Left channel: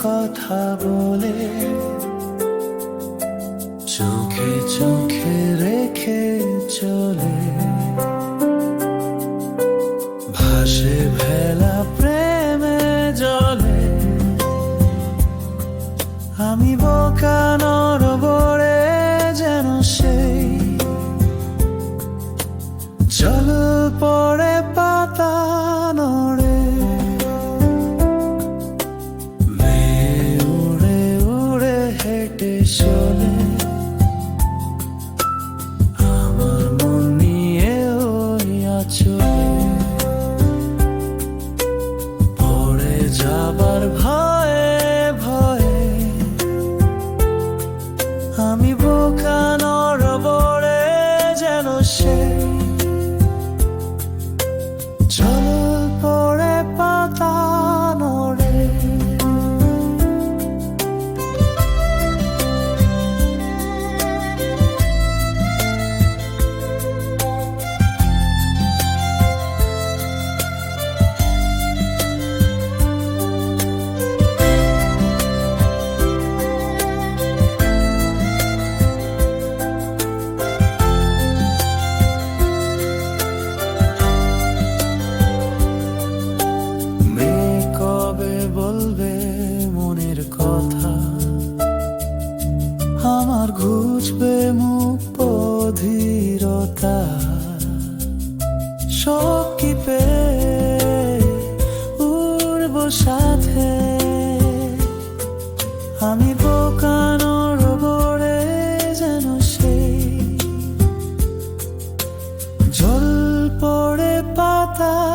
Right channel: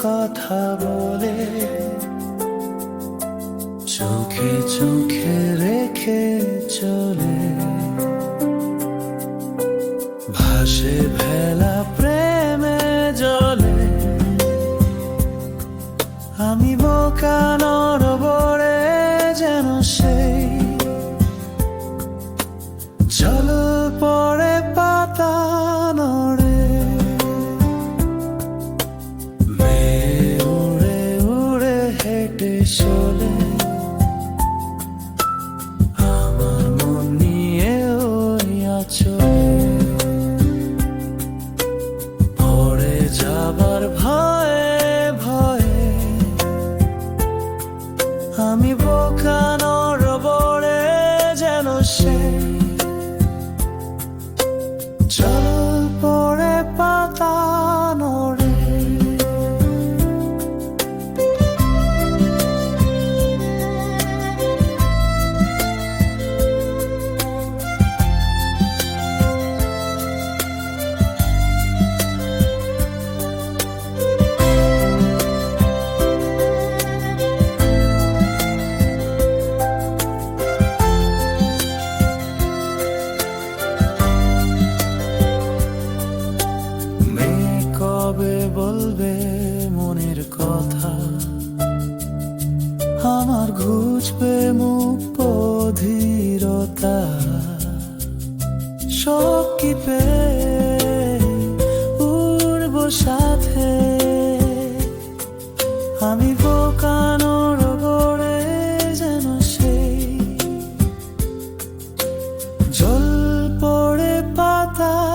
কথা বলে চোখে চোখে রেখে চলে। ভাসে ভেলা প্রেমে জলে। আমি বোকা নরবরে যেন সেই আচলে পড়ে যাবার ভয়ে ভয়ে কবে বলবে মনের কথা? আমার ঘুচবে মুখ অধীরতা। সব কি পে উড়ব সাথে। আমি বোকানোর বড়ে যেন সেই। জল পড়ে পাতা